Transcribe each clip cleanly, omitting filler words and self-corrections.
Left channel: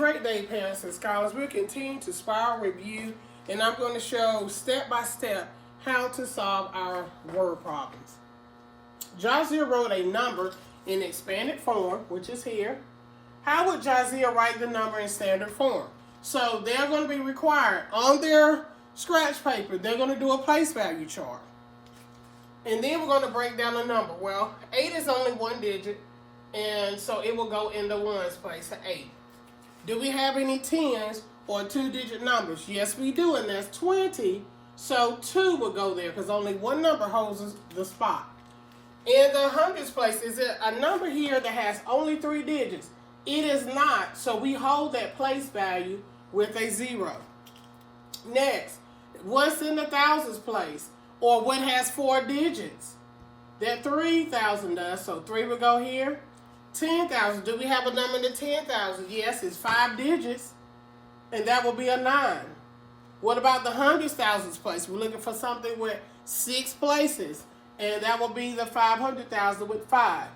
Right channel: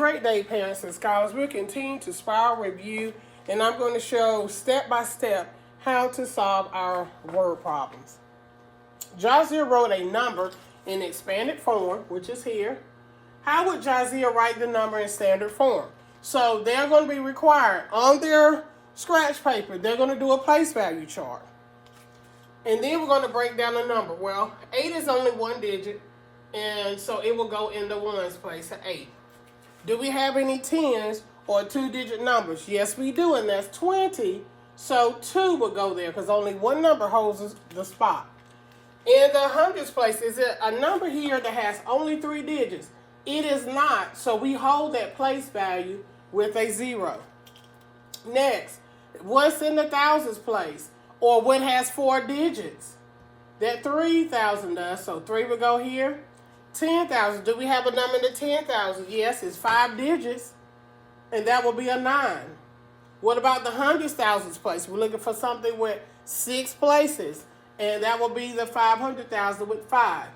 Great day, parents and scholars. We'll continue to spiral review, and I'm going to show step by step how to solve our word problems. Jazia wrote a number in expanded form, which is here. How would Jazia write the number in standard form? So they're going to be required on their scratch paper, they're going to do a place value chart. And then we're going to break down the number. Well, 8 is only one digit, and so it will go in the ones place to 8. Do we have any tens or two-digit numbers? Yes, we do, and that's 20. So 2 will go there because only one number holds the spot. In the hundreds place, is it a number here that has only 3 digits? It is not, so we hold that place value with a 0. Next, what's in the thousands place? Or what has 4 digits? That 3,000 does, so 3 will go here. 10,000, do we have a number in the 10,000? Yes, it's 5 digits, and that will be a 9. What about the hundreds thousands place? We're looking for something with 6 places, and that will be the 500,000 with 5.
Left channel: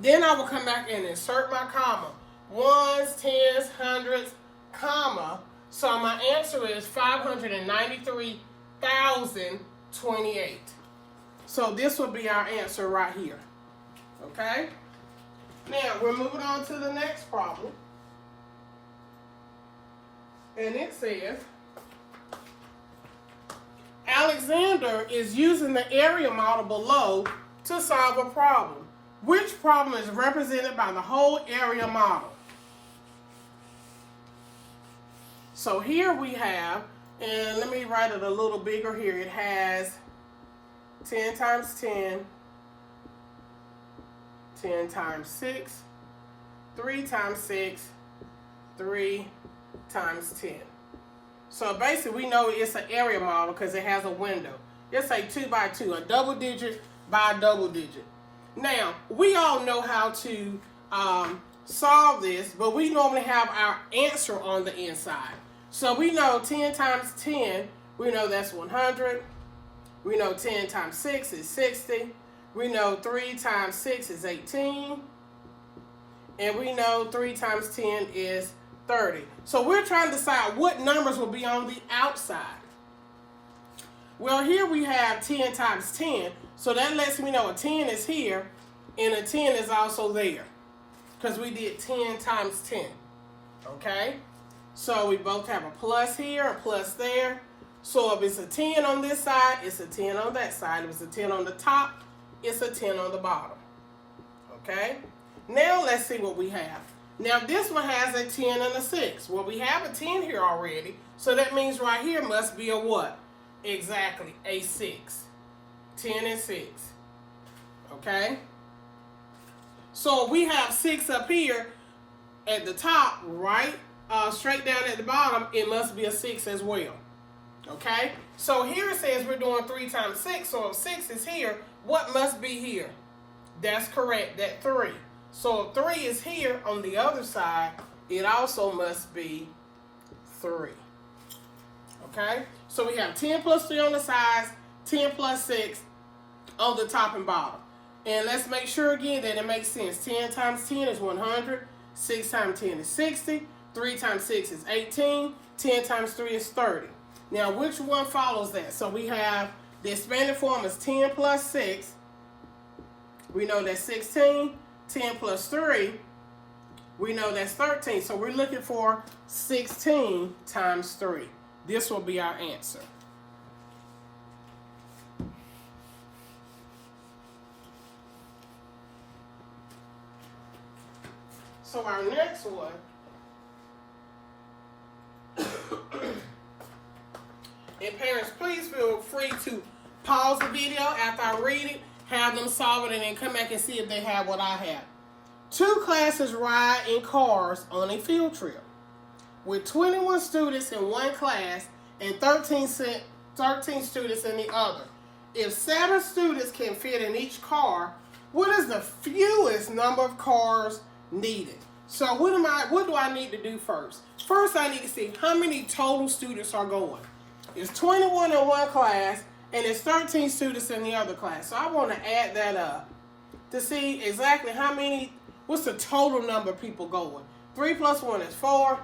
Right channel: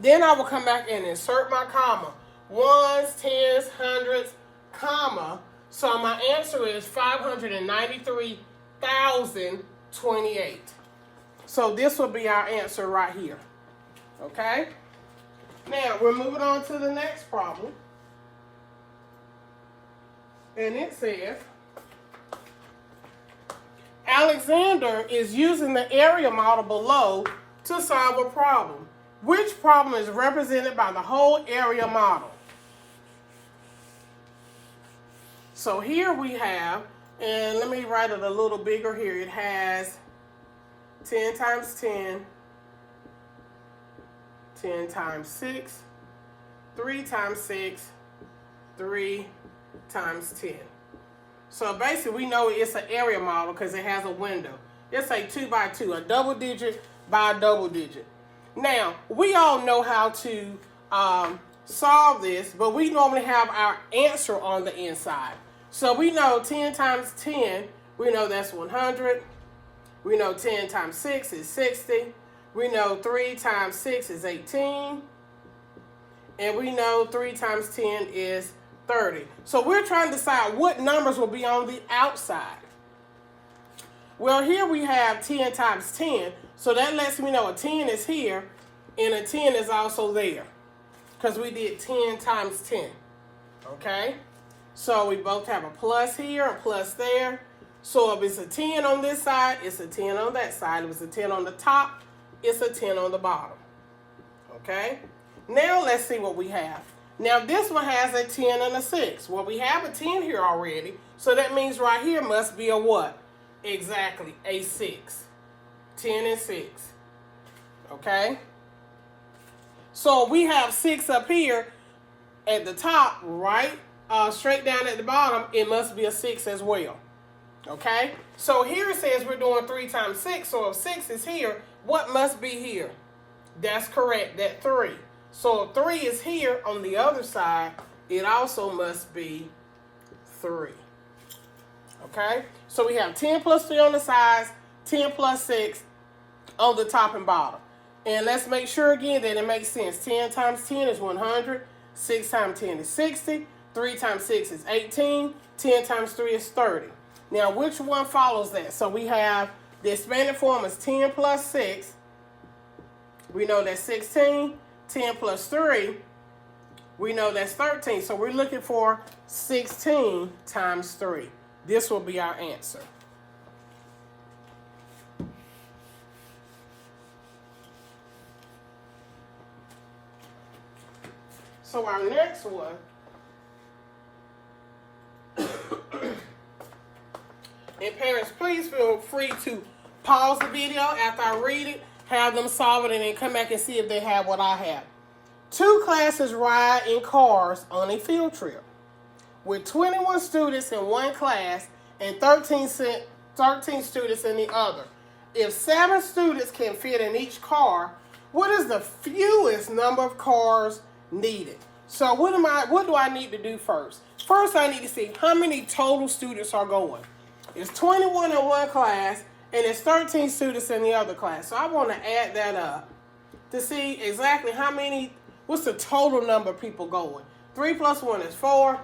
Then I will come back and insert my comma. Ones, tens, hundreds, comma. So my answer is 593,028. So this will be our answer right here. Okay? Now, we're moving on to the next problem. And it says, Alexander is using the area model below to solve a problem. Which problem is represented by the whole area model? So here we have, and let me write it a little bigger here. It has 10 times 10, 10 times 6, 3 times 6, 3 times 10. So basically we know it's an area model because it has a window. It's a 2 by 2, a double digit by a double digit. Now, we all know how to solve this, but we normally have our answer on the inside. So we know 10 times 10, we know that's 100. We know 10 times 6 is 60. We know 3 times 6 is 18. And we know 3 times 10 is 30. So we're trying to decide what numbers will be on the outside. Well, here we have 10 times 10. So that lets me know a 10 is here and a 10 is also there. Because we did 10 times 10. Okay? So we both have a plus here, a plus there. So if it's a 10 on this side, it's a 10 on that side. If it's a 10 on the top, it's a 10 on the bottom. Okay? Now let's see what we have. Now this one has a 10 and a 6. Well, we have a 10 here already. So that means right here must be a what? Exactly, a 6. 10 and 6. Okay? So we have 6 up here at the top, right? Straight down at the bottom, it must be a 6 as well. Okay? So here it says we're doing 3 times 6. So if 6 is here, what must be here? That's correct, that 3. So if 3 is here on the other side, it also must be 3. Okay? So we have 10 plus 3 on the sides, 10 plus 6 on the top and bottom. And let's make sure again that it makes sense. 10 times 10 is 100. 6 times 10 is 60. 3 times 6 is 18. 10 times 3 is 30. Now, which one follows that? So we have the expanded form is 10 plus 6. We know that's 16. 10 plus 3. We know that's 13. So we're looking for 16 times 3. This will be our answer. So our next one, and parents, please feel free to pause the video after I read it, have them solve it, and then come back and see if they have what I have. 2 classes ride in cars on a field trip. With 21 students in one class and 13 students in the other. If 7 students can fit in each car, what is the fewest number of cars needed? So what do I need to do first? First, I need to see how many total students are going. It's 21 in one class, and it's 13 students in the other class. So I want to add that up to see exactly what's the total number of people going. 3 plus 1 is 4.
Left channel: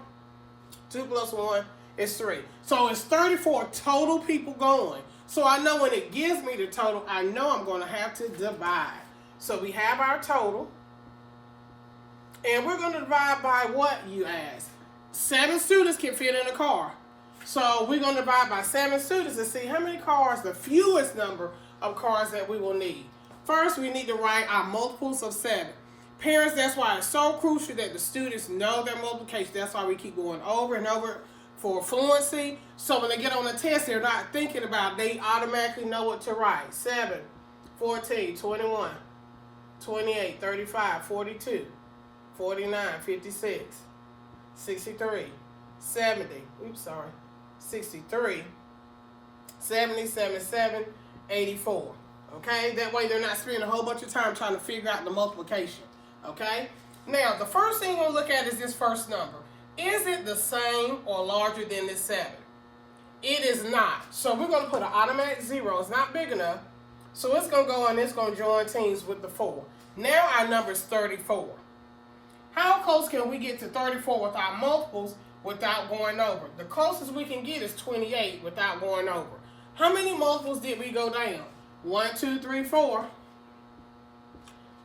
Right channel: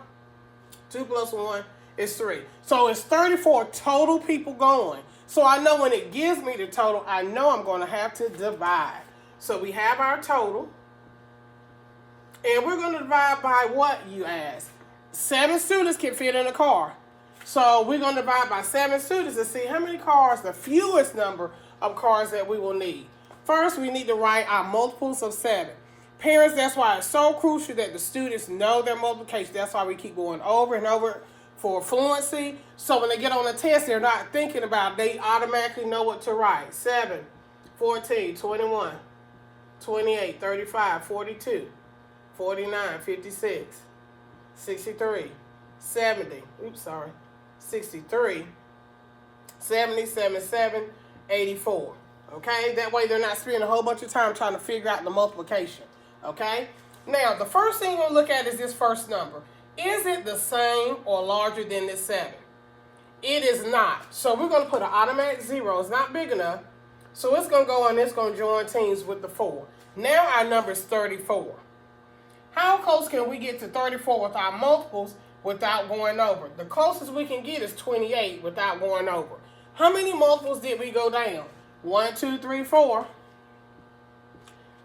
2 plus 1 is 3. So it's 34 total people going. So I know when it gives me the total, I know I'm going to have to divide. So we have our total. And we're going to divide by what, you ask? 7 students can fit in a car. So we're going to divide by 7 students to see how many cars, the fewest number of cars that we will need. First, we need to write our multiples of 7. Parents, that's why it's so crucial that the students know their multiplication. That's why we keep going over and over for fluency. So when they get on the test, they're not thinking about it. They automatically know what to write. 7, 14, 21, 28, 35, 42, 49, 56, 63, 70, 63, 70, 77, 84. Okay? That way they're not spending a whole bunch of time trying to figure out the multiplication. Okay? Now, the first thing we'll look at is this first number. Is it the same or larger than this 7? It is not. So we're going to put an automatic 0. It's not big enough. So it's going to go and it's going to join teams with the 4. Now our number is 34. How close can we get to 34 with our multiples without going over? The closest we can get is 28 without going over. How many multiples did we go down? 1, 2, 3, 4.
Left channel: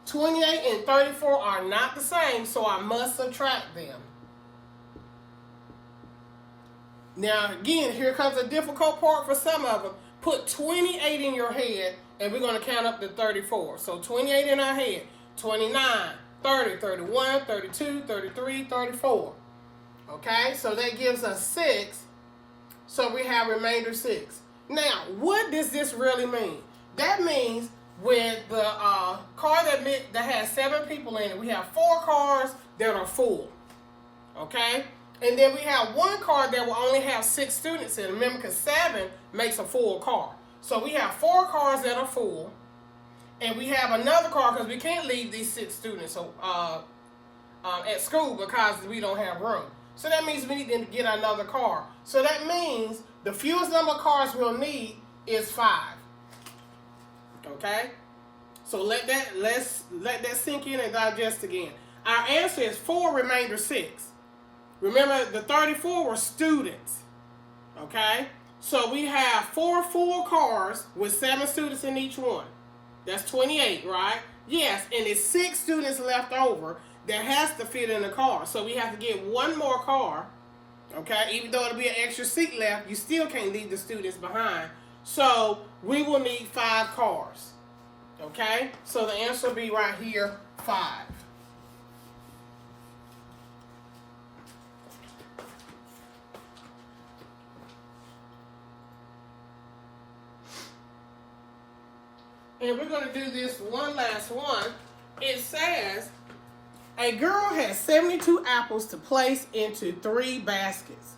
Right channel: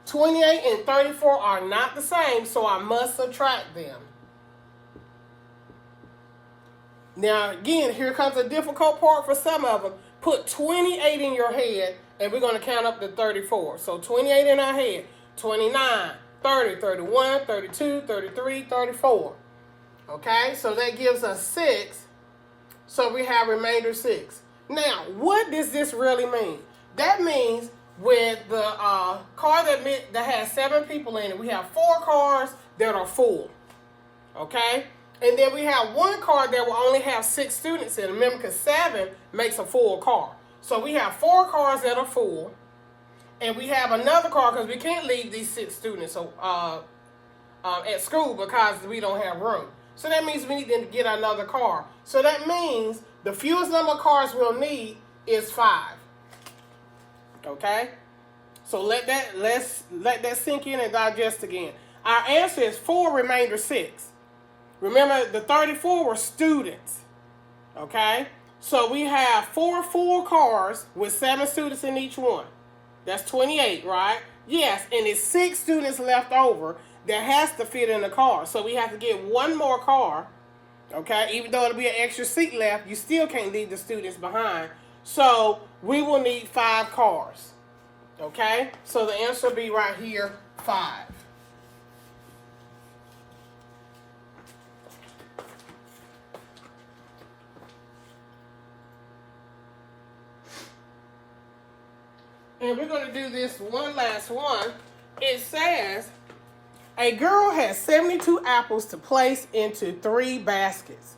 28 and 34 are not the same, so I must subtract them. Now, again, here comes a difficult part for some of them. Put 28 in your head, and we're going to count up to 34. So 28 in our head, 29, 30, 31, 32, 33, 34. Okay, so that gives us 6. So we have remainder 6. Now, what does this really mean? That means with the car that has 7 people in it, we have 4 cars that are full. Okay? And then we have 1 car that will only have 6 students in it. Remember, because 7 makes a full car. So we have 4 cars that are full. And we have another car because we can't leave these 6 students at school because we don't have room. So that means we need to get another car. So that means the fewest number of cars we'll need is 5. Okay? So let's let that sink in and digest again. Our answer is 4 remainder 6. Remember, the 34 were students. Okay? So we have 4 full cars with 7 students in each one. That's 28, right? Yes, and it's 6 students left over that has to fit in the car. So we have to get 1 more car. Okay? Even though it'll be an extra seat left, you still can't leave the students behind. So we will need 5 cars. Okay? So the answer will be right here, 5. And we're going to do this one last one. It says, a girl has 72 apples to place into 3 baskets.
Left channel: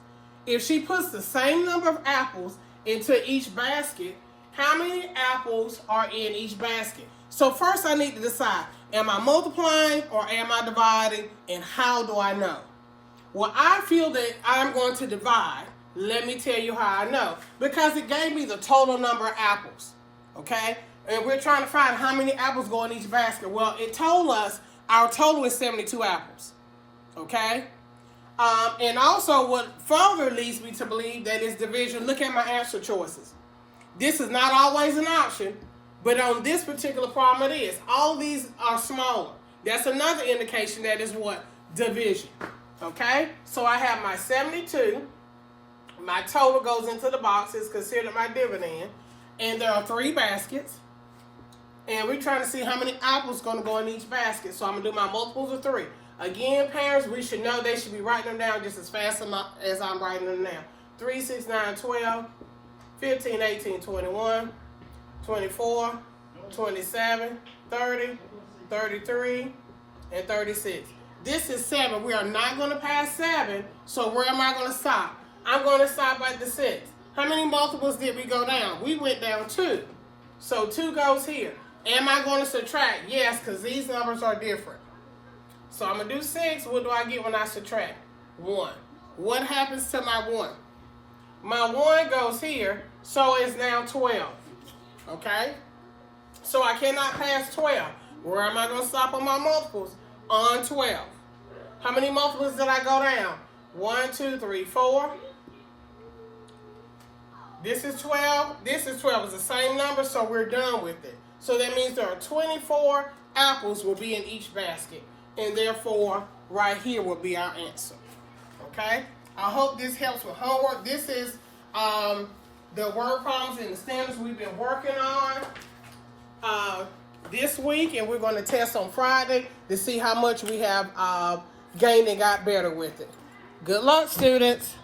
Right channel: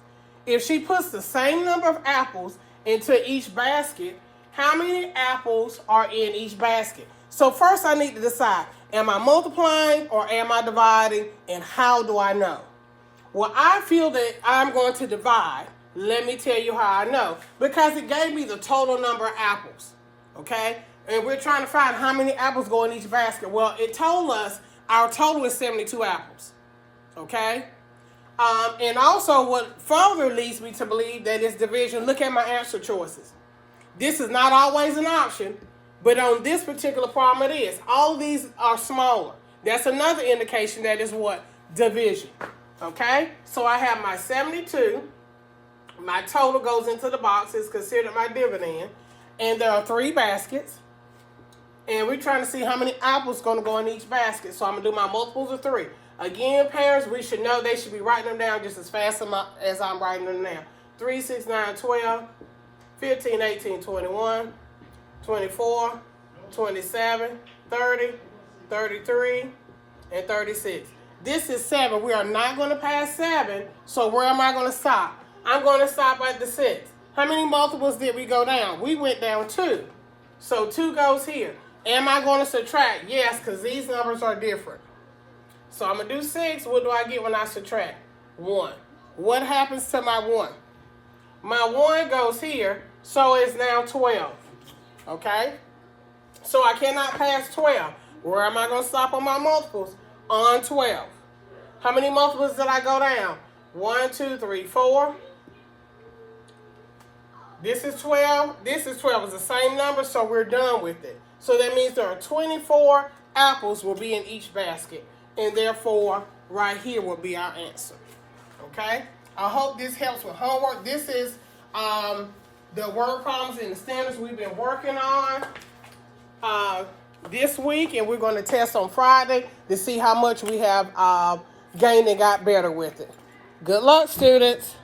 If she puts the same number of apples into each basket, how many apples are in each basket? So first I need to decide, am I multiplying or am I dividing, and how do I know? Well, I feel that I'm going to divide. Let me tell you how I know. Because it gave me the total number of apples, okay? And we're trying to find how many apples go in each basket. Well, it told us our total is 72 apples, okay? And also what further leads me to believe that it's division. Look at my answer choices. This is not always an option, but on this particular problem it is. All of these are smaller. That's another indication that is what? Division, okay? So I have my 72. My total goes into the box. It's considered my dividend. And there are 3 baskets. And we're trying to see how many apples going to go in each basket. So I'm going to do my multiples of 3. Again, parents, we should know they should be writing them down just as fast as I'm writing them down. 3, 6, 9, 12, 15, 18, 21, 24, 27, 30, 33, and 36. This is 7. We are not going to pass 7. So where am I going to stop? I'm going to stop at the 6. How many multiples did we go down? We went down 2. So 2 goes here. Am I going to subtract? Yes, because these numbers are different. So I'm going to do 6. What do I get when I subtract? 1. What happens to my 1? My 1 goes here, so it's now 12. Okay? So I cannot pass 12. Where am I going to stop on my multiples? On 12. How many multiples did I go down? 1, 2, 3, 4. This is 12. This is 12. It's the same number, so we're done with it. So that means there are 24 apples will be in each basket. And therefore, right here will be our answer. Okay? I hope this helps with homework. This is the word problems and the standards we've been working on this week. And we're going to test on Friday to see how much we have gained and got better with it. Good luck, students.